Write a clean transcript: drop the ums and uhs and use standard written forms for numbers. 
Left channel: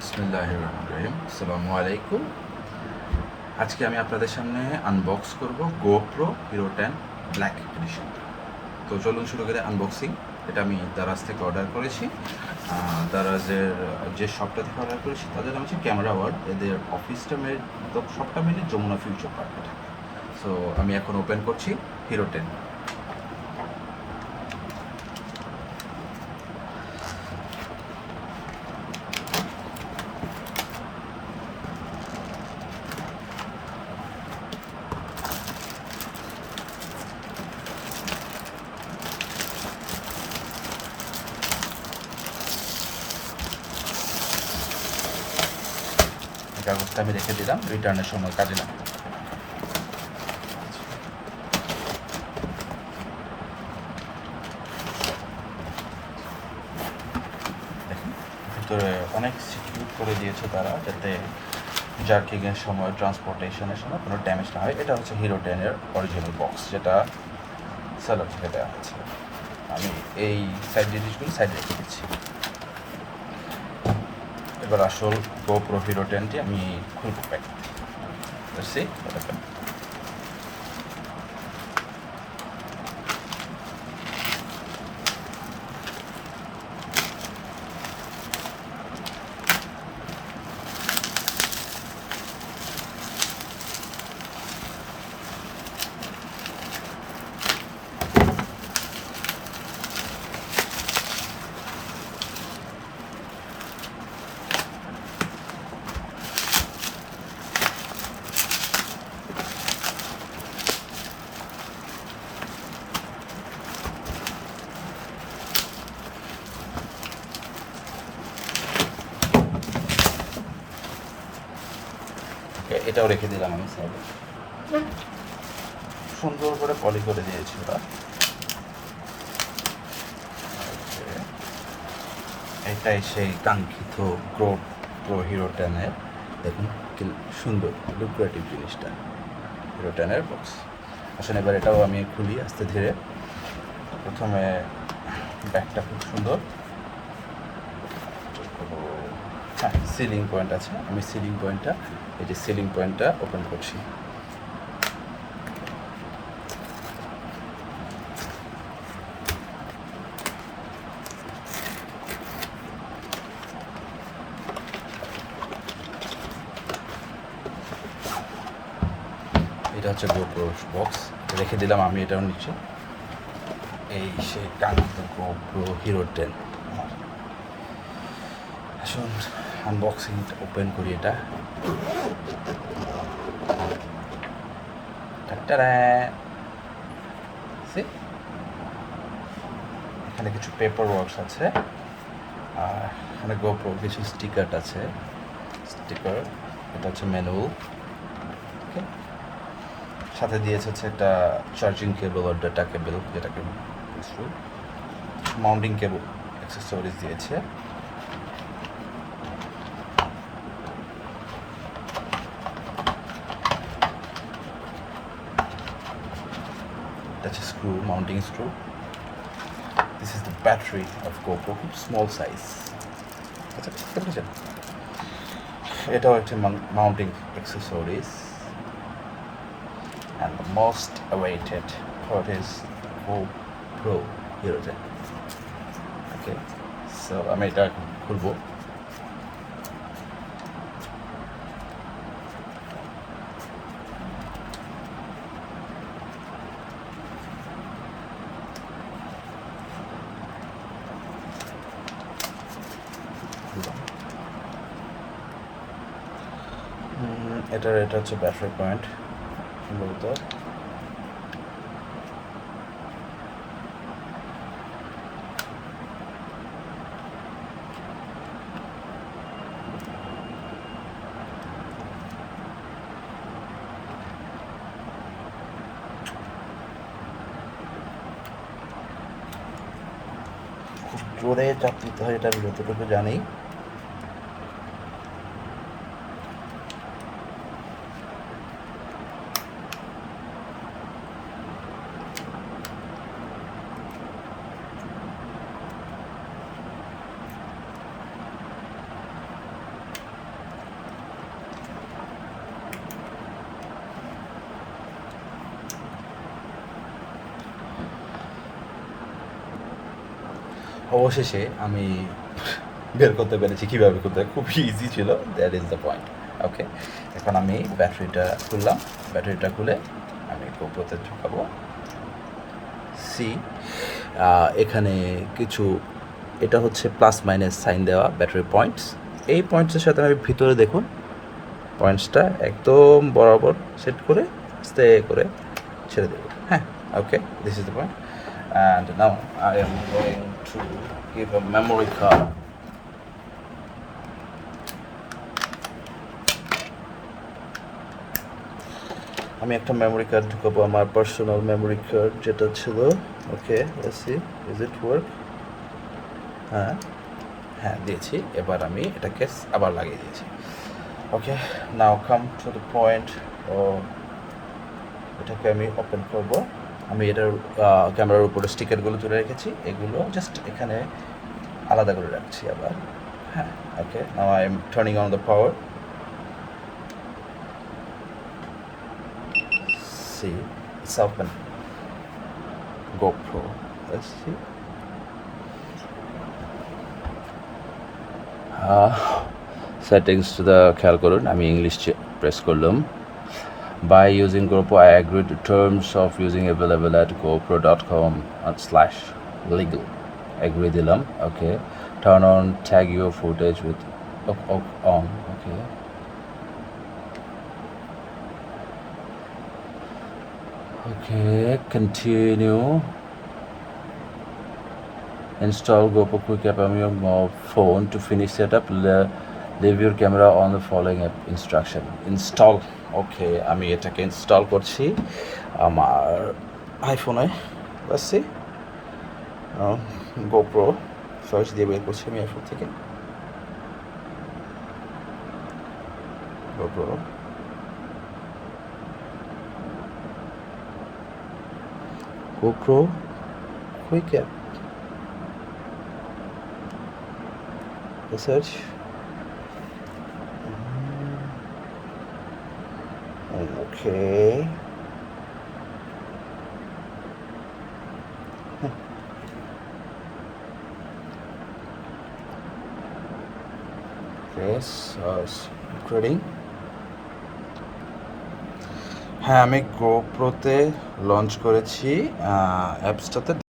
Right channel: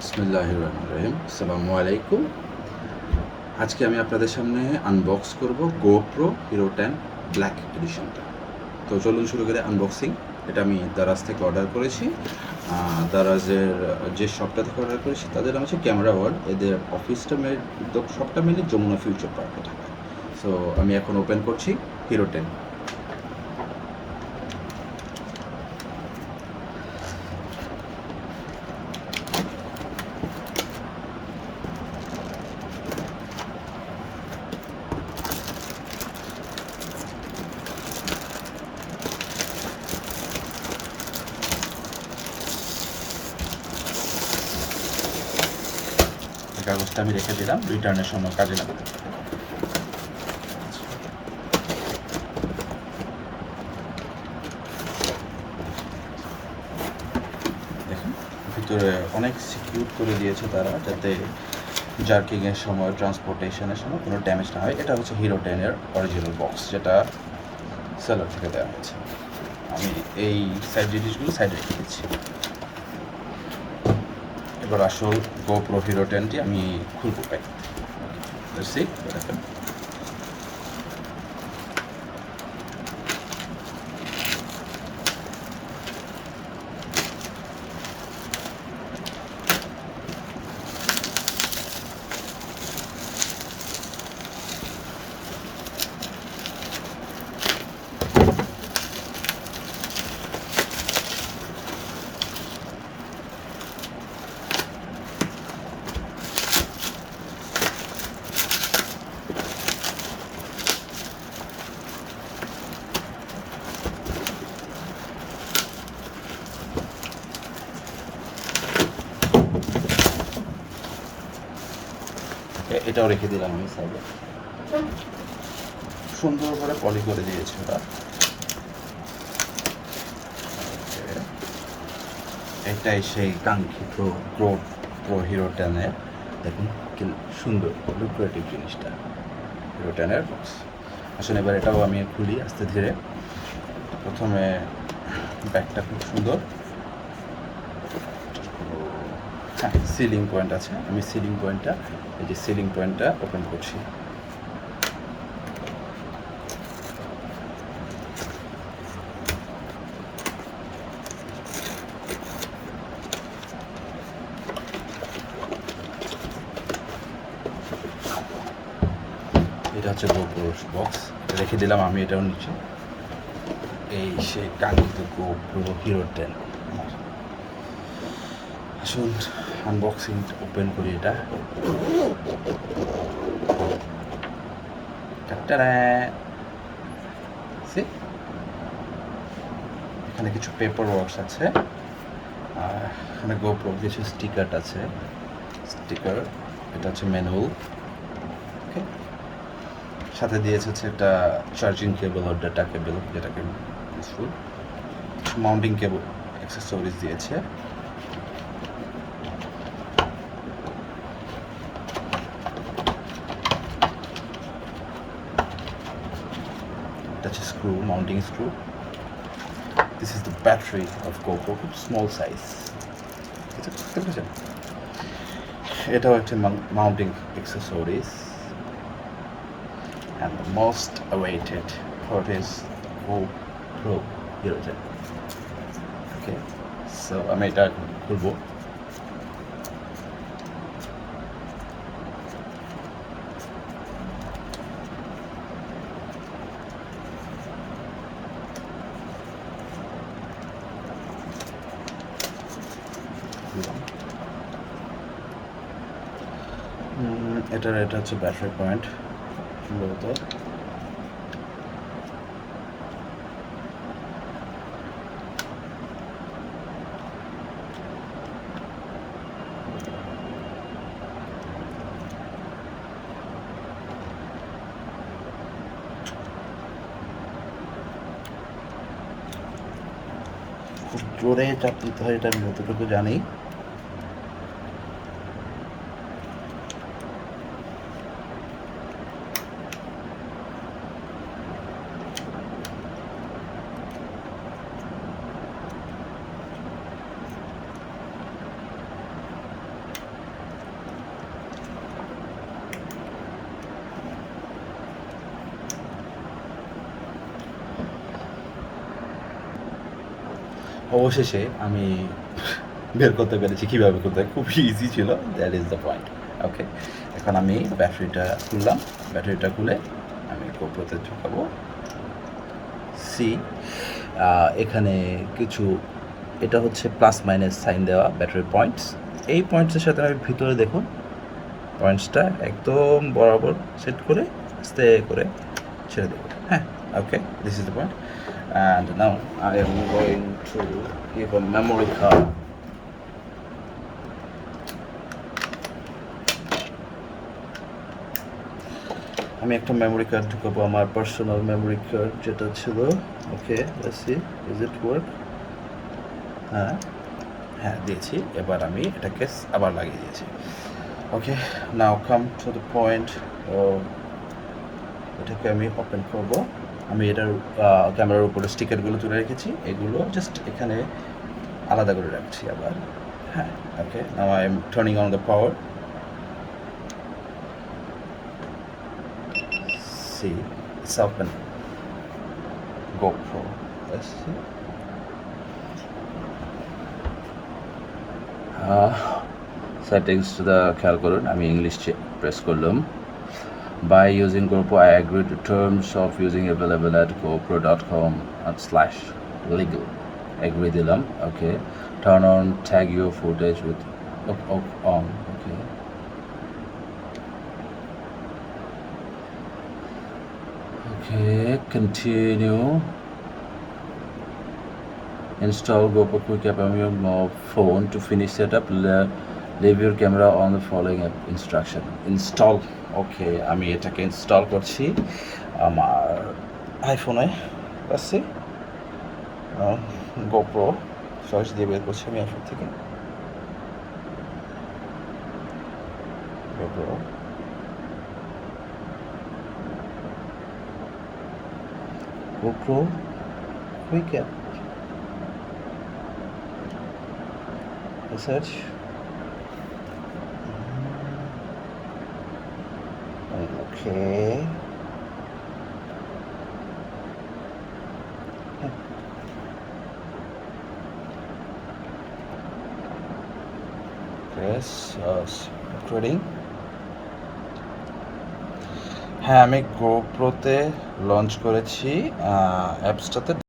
বিসমিল্লাহির রহমানির রহিম। আসসালামু আলাইকুম। আজকে আমি আপনাদের সামনে আনবক্স করব গোপ্রো হিরো 10 ব্ল্যাক এডিশনটা। তো চলুন শুরু করে আনবক্সিং। এটা আমি দারাজ থেকে অর্ডার করেছি। দারাজের যে শপটা থেকে অর্ডার করেছি তাদের নাম হচ্ছে ক্যামেরা ওয়ার্ল্ড। এদের অফিসটা শপটা মিলে যমুনা ফিউচার পার্কে থাকে। সো আমি এখন ওপেন করছি হিরো 10। কাগজটা আমি রেখে দিলাম, রিটার্নের সময় কাজে লাগবে। দেখুন ভিতরে অনেক সিকিউর করে দিয়েছে তারা, যাতে জার্কিংয়ের সময়, ট্রান্সপোর্টেশনের সময় কোনো ড্যামেজ না হয়। এটা হচ্ছে হিরো 10-এর অরিজিনাল বক্স, যেটা সেলার থেকে দেওয়া হচ্ছে। আমি এই সাইড জিনিসগুলো সাইড রেখে দিচ্ছি। এবার আসল গোপ্রো হিরো 10টি আমি খুলবো প্যাক। এটাও রেখে দিলাম আমি সাইডে। সুন্দর করে পলি করে দিয়েছি ওটা। এটাই সেই কাঙ্ক্ষিত গোপ্রো হিরো 10-এর, দেখুন কি সুন্দর লুক্রেটিভ জিনিসটা, হিরো 10-এর বক্স। আসলে এবার এটাও আমি খুলি আস্তে ধীরে। প্রথমে ব্যাগটা খুব সুন্দর। হ্যাঁ, সিলিং পয়েন্ট আছে। আমি সিলিং পয়েন্টটা, এই যে সিলিং পয়েন্টটা ওপেন করছি। এটা হচ্ছে গোপ্রো বক্স, রেখে দিলাম আমি এটার নিচে। এই সেই কাঙ্ক্ষিত গোপ্রো হিরো 10। আসুন আনবক্সিং ওপেন করি এটা। এখানে কিছু পেপার ওয়ার্কস আছে, আর এখানে গোপ্রো কিছু স্টিকার আছে। স্টিকার, এটা হচ্ছে ম্যানুয়াল। ওকে, সাথে দিয়েছে হচ্ছে একটা চার্জিং কেবল আর ডাটা কেবল, যেটাকে ইউজফুল। মাউন্টিং কেবল অ্যাক্সেসরিজ দিয়েছে। That's a screw, mounting screw. This is the battery of GoPro, small size. এটাও একটা mounting accessories. And the most awaited product is GoPro Hero 10. Okay, so আমি এটা খুলবো। এটা হচ্ছে battery point সম্ভবত। জোরে চাপ দিতে হয়, এটা যতটুকু জানি। অবশেষে আমি বের করতে পেরেছি কীভাবে খুলতে হয়। খুব ইজি ছিল, দ্যাট ইজ দ্য পয়েন্ট। ওকে, এখন আমি ব্যাটারিটা খুললাম। ব্যাটারিটা খুলে আমি গোপ্রোতে ঢুকাবো। সি এখানে কিছু, এটা হচ্ছে প্লাস মাইনাস সাইন দেওয়া ব্যাটারি পয়েন্টস। এই পয়েন্টসের সাথে আমি ভিতরে দেখুন পয়েন্টসটা একদম বরাবর সেট করে আস্তে করে ছেড়ে দেবো। হ্যাঁ, okay, this is the point. And now I am going to give a memory card. আমি একটা মেমোরি কার্ড ঢুকাবো, আমার পার্সোনাল মেমোরি কার্ড যেটা ছিল। Okay, let's see is it work. হ্যাঁ হ্যাঁ, দিয়েছি। এবার আমি এটাকে আবার লাগিয়ে দিয়েছি। Okay, now come to the point. এটাকে আমি ওপেন করব। আমি এটার ক্যামেরার উপরে স্টিকারগুলো তুলে রেখেছি, এগুলো জাস্ট এখানে আলাদা করে রাখছি আবার। হ্যাঁ, okay, now I am turning on the power. See it's open GoPro. Let's see. Settings to the খেয়াল করুন, আমি ইংলিশ প্রেস করলাম। By using GoPro, I agree to terms of using available at gopro.com/legal. Agree দিলাম। Okay. Turn on tag your footage with on. Okay. Okay. Continue. Install GoPro Quick App on your phone. To finish setup, leave your camera on the following instruction. Install. ওকে, আমি এটাকে install করছি আমার আইফোনে। আসছি GoPro search দিয়ে বের করছি আমি আইফোন থেকে। GoPro GoPro quick app search. Okay. Yes, uploading. হ্যাঁ, আমি গোপ্রোতে লঞ্চ করেছি অ্যাপসটাতে।